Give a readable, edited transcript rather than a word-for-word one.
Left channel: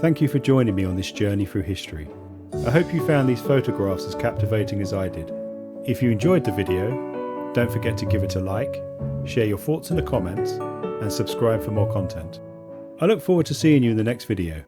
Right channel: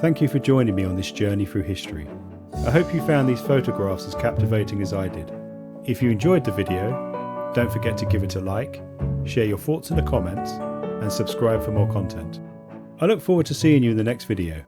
Thank you for joining me on this journey through history. I hope you found these photographs as captivating as I did. If you enjoyed the video, don't forget to give it a like, share your thoughts in the comments, and subscribe for more content. I look forward to seeing you in the next video.